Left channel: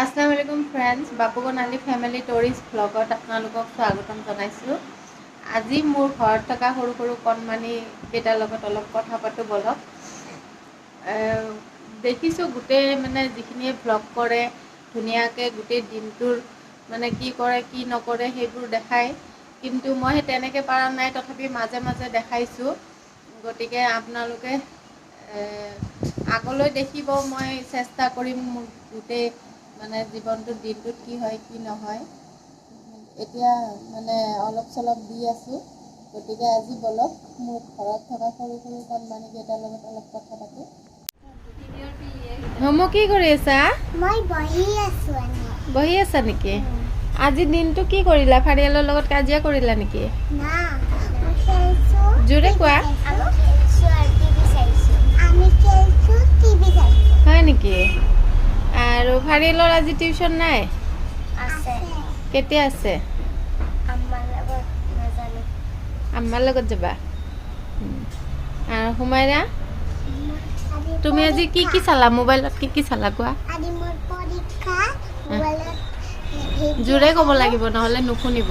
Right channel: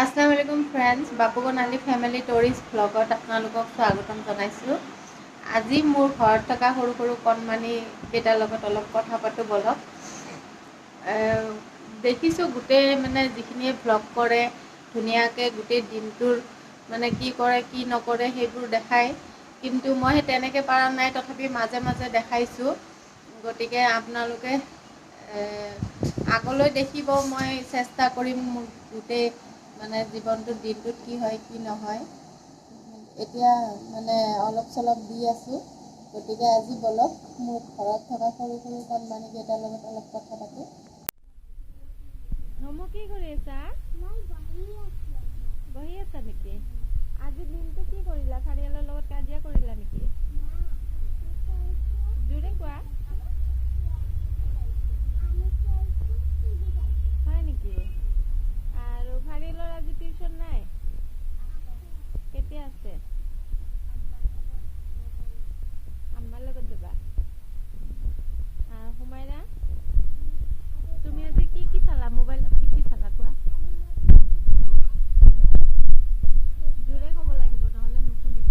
अस्सलाम वालेकुम friends, बापुकन family टोरिस ब्लगत आपनालोকক स्वागतम जनाइছোঁ। আজি মোৰ ঘৰত থকা সৰু সৰু কণমানি কেইটাৰ লগত অলপ কথা পাতো বলক। দেখিছোঁ গোটেই মানে যিখিনিয়ে ব্লগ কৰে ধুনীয়াকৈ গোটেই দিনটোৰ মানে কি কৰে কি নকৰে সেইবোৰ দেখায়, কিন্তু মই তেনেকৈ পৰা নাই, তথাপি মাজে মাজে দেখাইছোঁ। গতিকে আপোনালোকে আগলৈ দেখিব, মই চেষ্টা কৰিম মোৰ গোটেই মানে জীৱনটোত দিনটোত কি হয় কি নহয়। এতিয়া মানে অলপ চলপ দি আছোঁ। গতিকে আজি বলক মোৰ ঘৰত থকা সৰু সৰু কণমানিকেইটাৰ লগত অলপ কথা পাতোঁ। হোমো কি কৰি আছা? মই বহি আছো। বহি আছা নেকি? আজি দিনটো কি কৰিলা? ফাৰিয়ালৰ লগত কাজিয়া কৰিলা নেকি? না, মই খেলছো। জোৰে কোৱা। আমি খেলছো, টিভি চাইছো। হয় নেকি? আৰু ফাৰিয়ালৰ আজি টিউচন নাই? আছে। কেতিয়া আছে? আম্মাৰ লগত নাজানো। আম্মাৰ লগত যাবা? আৰু হুমাইৰা, তুমি আজি কি কি চালা? মোবাইলত কি কি চালা কোৱা? আজি মোৰ পৰীক্ষা। মোবাইলত জোৰে ক'ব লাগিব, নহ'লে নুশুনিব।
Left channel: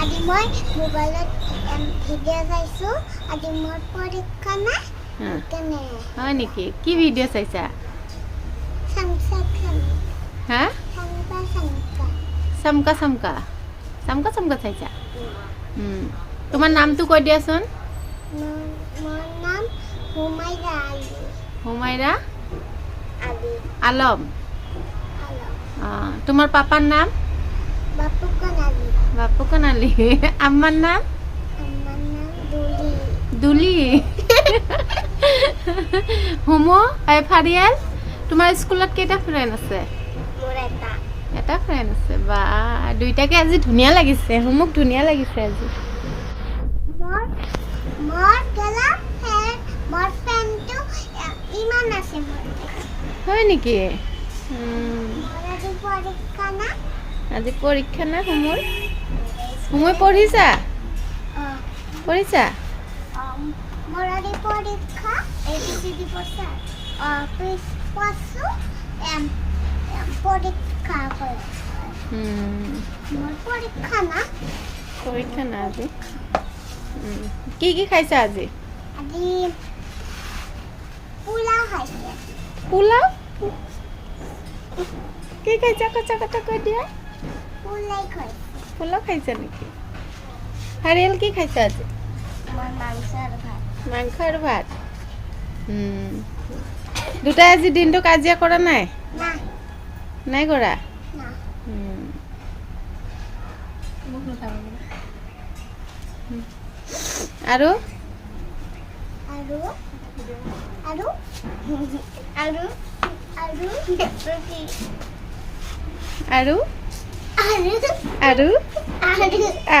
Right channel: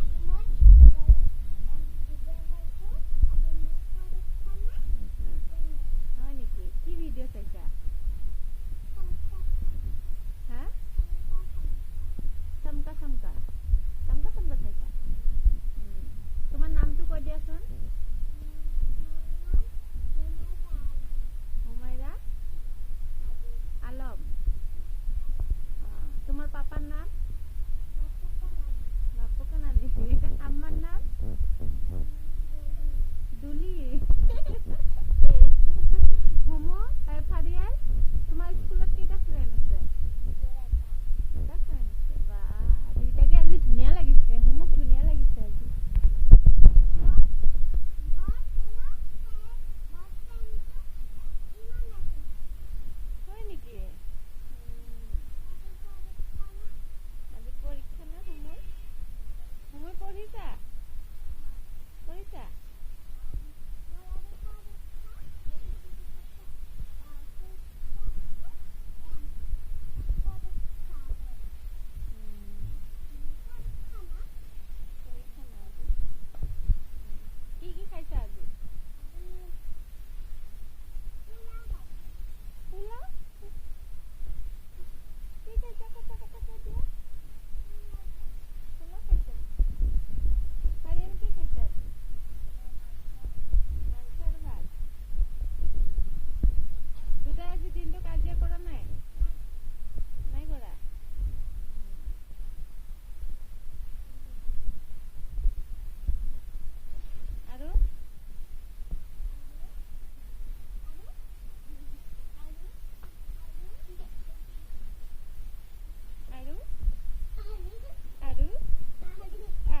আজি মই মোবাইলত ভিডিঅ' চাইছো। আজি মোৰ পৰীক্ষা না কেনে? হয় নেকি? কি ভিডিঅ' চাইছা? হা? চামকা চামকা চামকা চামকা চাইছা? তোমাৰ নামটো কৈ দিয়াচোন। মোৰ নাম হুমাইৰা আলী। হুমাইৰা আলী আলম। আলম। তোমাৰ পাপাৰ নাম? বাপুকান আলী। বাপুকন আলী। আম্মাৰ নাম? আমাৰ নাম দুলি। দুলি। হোমো ফাৰিয়াল, তোমাৰ স্কুলত কেইটা ফ্ৰেণ্ড আছে? মোৰ এটা ফ্ৰেণ্ড আছে। বা দুইটাকে আজি ধুনীয়া লাগিছে। হোমক ধুনীয়া লাগিছে আজি। মোৰ ফ্ৰেণ্ডটো ইমান আছে মোৰ। হয় নেকি? মোৰ আজি পৰীক্ষা না। আজি পৰীক্ষা না হোমৰ? হোমে পঢ়িছা? পঢ়িছা? মোৰ আজি পৰীক্ষা। ABCD পঢ়ছা? পঢ়ছো। পৰীক্ষা কৰে। মোৰ পৰীক্ষা না। পৰীক্ষা না আজি। কি কি খাইছা আজি? আজি পোলাও খাইছে। পোলাও? কি খাইছা? কথা কথা কৈ দিয়া। পোলাই খাইছে। পোলাও খাইছা নেকি? ফাৰিয়াল কি খাইছা আজি? মই মাংস আৰু ভাত। মাংস আৰু ভাত। দুটাই আজি দিনটো কাজিয়া কৰা নাই? না। নাই কৰা? না। আৰু আৰু আৰু আৰু আৰু কি? আৰু আৰু আৰু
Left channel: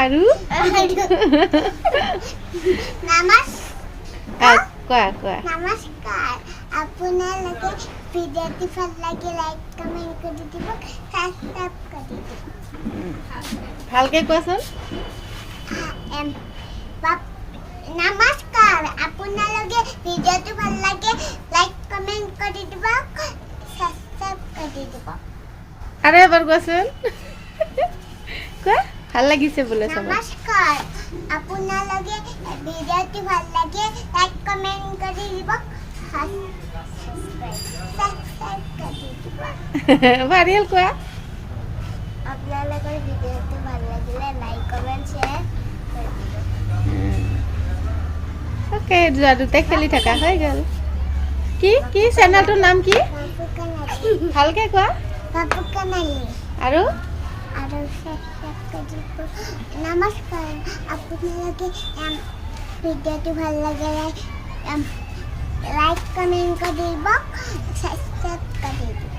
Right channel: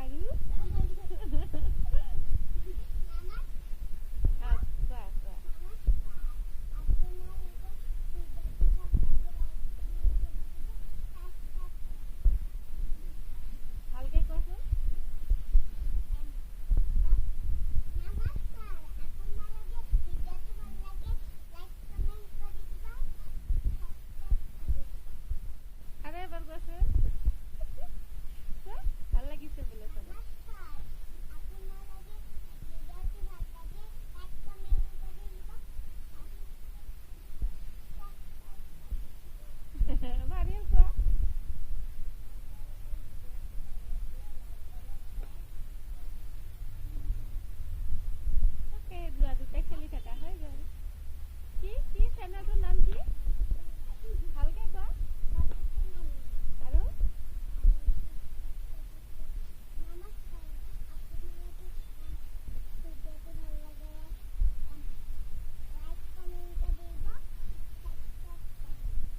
আৰু আৰু কোৱা কোৱা। নমস্কাৰ, আপোনালোকে ভিডিঅ'টো ভাল লাগে লাইক কমেণ্ট কৰি দিব, ছাবস্ক্ৰাইব কৰি দিব। ভালকে কোৱাচোন। নমস্কাৰ, আপোনালোকে ভিডিঅ'টো ভাল লাগে লাইক কমেণ্ট কৰি দিব, ছাবস্ক্ৰাইব কৰি দিব। আৰু এবাৰ কোৱাচোন। কোৱা, ভাল লাগিছে বোলে চব। নমস্কাৰ, আপোনালোকে ভিডিঅ'টো ভাল লাগে লাইক কমেণ্ট কৰি দিব, ছাবস্ক্ৰাইব কৰি দিব। ফাৰিয়াল কোৱা। আপোনালোকৰ ভিডিঅ'টো ভাল লাগিলে লাইক কমেণ্ট শ্বেয়াৰ কৰি দিব। অ'কে, যোৱা দুটাই খেলি থাকা হৈ গ'ল। কি কি চেনেলটোৰ নাম কি? ভালকে কোৱা। বাপুকান আলী। আৰু আৰু ছাবস্ক্ৰাইব কৰি দিব। নমস্কাৰ, আপোনালোকে ভিডিঅ'টো ভাল লাগে লাইক কমেণ্ট কৰি দিব, ছাবস্ক্ৰাইব কৰি দিব।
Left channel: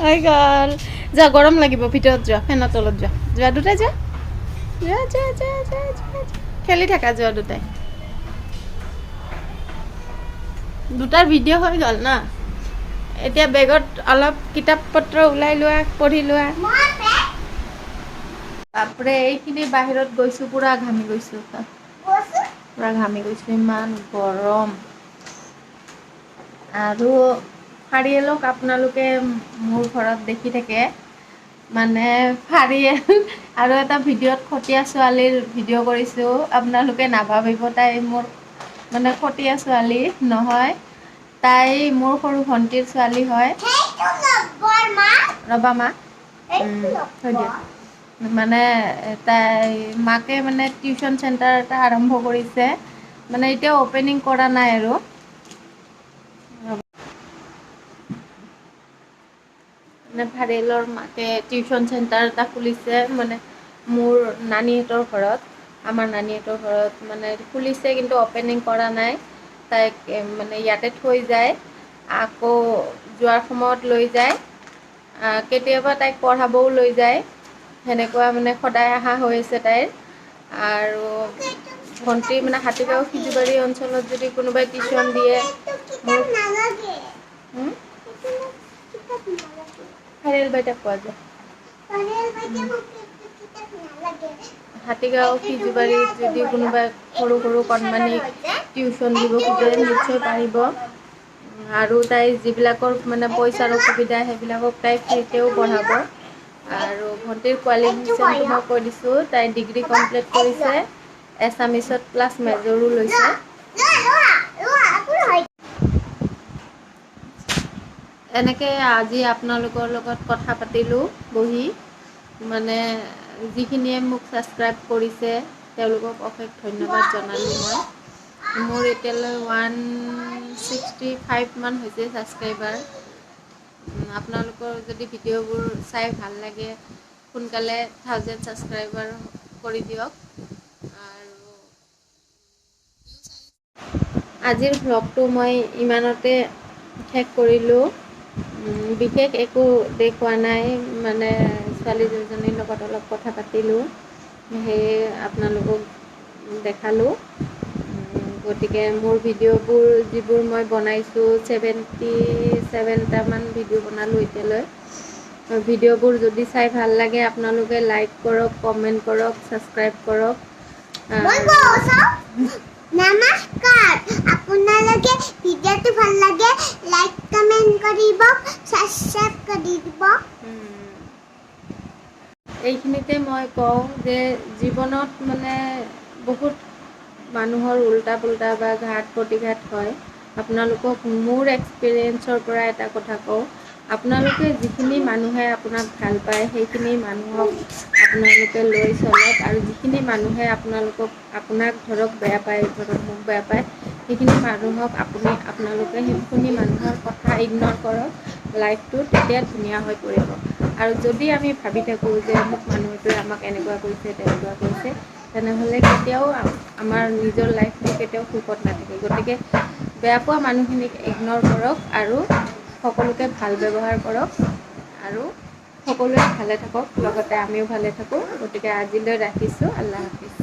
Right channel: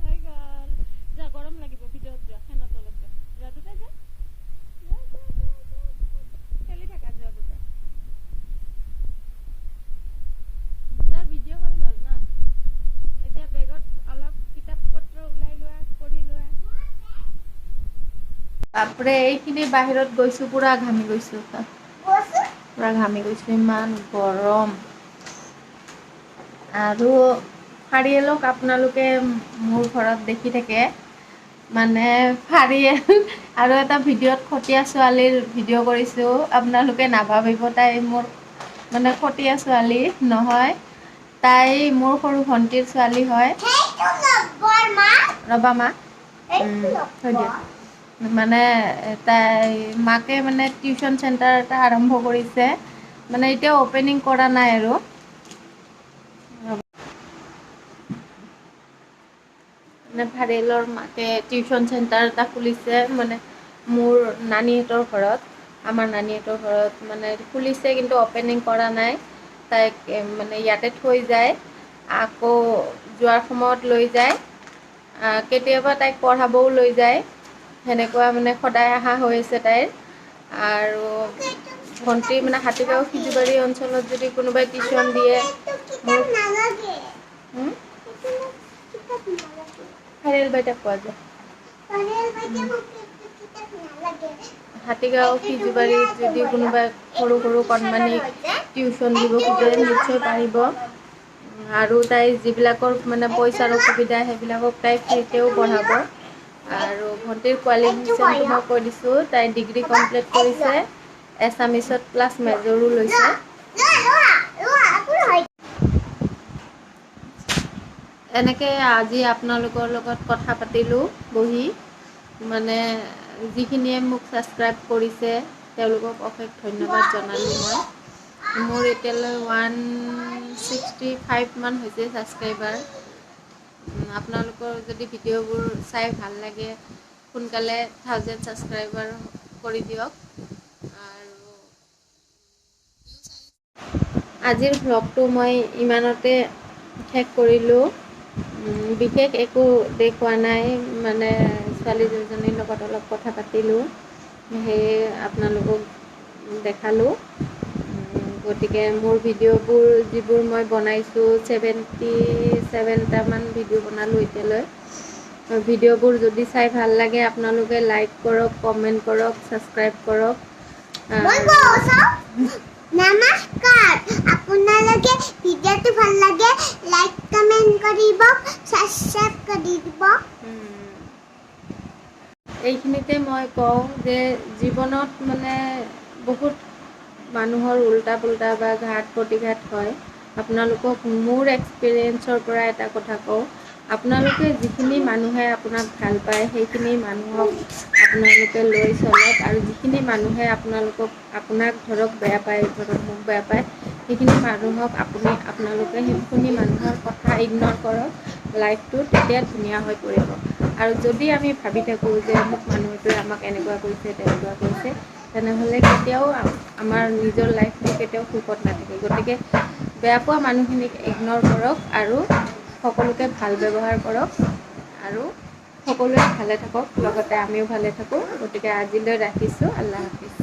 হৈ গ'ল। যোৱা, গৰম লাগিব, ভিতৰত যোৱা, ফেনৰ তলত যোৱা। যোৱা দুটাই যোৱা। যোৱা যোৱা যোৱা যোৱা যোৱা। খেলি থাকা যোৱা দুটাই। দুটাৰ ভিডিঅ' হৈ গ'ল না। এতিয়া বেগত অলপ কিতাপ পত্ৰ ওলাই লোৱা, পঢ়ি লোৱা। বাপৰে, এইখিনি বাহিৰত গৈছোঁ, পুৰা ঘামি গৈছোঁ। পুৰা ঘামি গৈছোঁ, ইমান গৰম। আৰু ফাৰিয়েলক আপোনালোকে মোৰ ঘৰত দেখি থাকে, মানে ফাৰিয়েল আৰু এটা ভিডিঅ'ত খতীয়া ছোৱালীৰ ভিডিঅ' কৰিছোঁ, আপোনালোকে নাভাবিব তাই মোৰ মানে খতীয়া ছোৱালী নহয়, তাই মোৰ সৰু ভণ্টিৰ ছোৱালী হয়। ৰ'বা মা, থৈ দিয়া। মানে তাই মাকে মানে টিউচন চেণ্টাৰ এটা আৰম্ভ কৰিছে, মানে এতিয়াও অ'পেনিং কৰা নাই আৰু। মানে ফাৰিয়েলৰ মাকে টিউচন চেণ্টাৰ এটা খুলিছে, মানে মোৰ নানীহঁতৰ ঘৰত, আমাৰ নানীহঁতৰ ঘৰত মানে খুলিছে, কিন্তু অ'পেনিং কৰা নাই। তাইক মানে ইয়াতে থৈ যায়, আকৌ যোৱাৰ সময়ত লৈ যায়, কেতিয়াবা তাইক পঢ়াবও লৈ যায়, সেনেকুৱা মানে সদায় অহা হৈ আছে তাইৰ। আৰু ভণ্টিৰ মানে হাতীগাঁও সিজুবাৰী অঞ্চলত যদি কোনোবাই টিউচন দিয়ে মোৰ ফাৰিয়েল বাইদেউক কোৱা যায়। হাতীগাঁও সিজুবাৰীত যদি কোনোবাই সৰু সৰু কণমানিক টিউচন দিব খোজে নিশ্চয় পাৰিব। আৰু তাই যিবিলাকৰ মানে পইচাৰ অসুবিধা সেইবিলাকক তাই ফ্ৰীতেও পঢ়াব। আৰু ভণ্টিৰ কোৱালিফিকেশ্যনটো মই কৈ দিছোঁ, তাই ডিগ্ৰী কমপ্লিট কৰিছে, এছামিছত প্লাছ মেজৰো লৈছে। এনেকৈ আজি আপোনালোকৰ লগত কথা পাতিলোঁ বহি, মানে যিখিনিয়ে মোক ছাবস্ক্ৰাইব কৰিছে তেওঁলোকক অশেষ ধন্যবাদ জনালোঁ মই। মোৰ এতিয়ালৈ 165 মান হৈছে ছাবস্ক্ৰাইবাৰ। আপোনালোকৰ যদি ভিডিঅ'বোৰ চাই ভাল লাগে সোনকালে 1000 ছাবস্ক্ৰাইবাৰ কৰি দিয়ক। আৰু আজিৰ ভ্লগটো মই ইমানতে শেষ কৰিলোঁ। বিশেষ একো দেখুওৱা নাই, মানে ছোৱালী দুজনীৰ লগত অলপ কথা পাতিলোঁ, সেয়ে আপোনালোকক দেখালোঁ। গতিকে মোৰ ভিডিঅ'বোৰ যিবোৰ মই বনাইছোঁ 77টামান ভিডিঅ' বনালোঁ এতিয়ালৈ। ভিডিঅ'বোৰ যদি চাই ভাল লাগে আপোনালোকে লাইক কৰক, কমেণ্ট কৰক, ছাবস্ক্ৰাইব কৰক। নমস্কাৰ, আপোনালোকে ভিডিঅ'টো ভাল লাগে লাইক কমেণ্ট কৰিব, ছাবস্ক্ৰাইব কৰি দিব। এইখিনিতে মই কওঁ যে জীৱনত মানে বহুত মানুহৰ উল্টা পুল্টা বা ঘাট প্ৰতিঘাত হয়। আপোনালোকক মোৰ এক্সপিৰিয়েঞ্চৰ পৰা এটা কথা কওঁ, আপোনালোকে যিখিনি মানুহে আপোনাক ভাল পায় সেইখিনি মানুহক আপোনালোকে লৈ চলক, আৰু যিখিনি মানুহে আপোনাক ধৰক বেয়া পায়, ধৰক মোক বেয়া পায়, সেইখিনি মানুহক আপোনালোকে সেইখিনি মানুহৰ কথা ইগন'ৰ কৰক। লাইফটো তেতিয়া ধুনীয়া হৈ পৰিব। আৰু যদি আমি ভাবি থাকোঁ যে মোক মানুহটোৱে আমাক এনেকুৱা কৰিছে তেনেকুৱা কৰিছে, তেনেহ'লে কেতিয়াও আমাৰ নিজৰ লাইফটো কেতিয়াও সুখত নাথাকে। গতিকে বেয়া পোৱা মানুহখিনিক ইগন'ৰ কৰক আৰু সকলোকে ভাল ব্যৱহাৰ কৰক, আৰু সকলোৱে ভালে থাকক, লগতে আমিও ভালে থাকোঁ। গতিকে আজিলৈ ৰাখিছোঁ, আল্লাহ হাফিজ।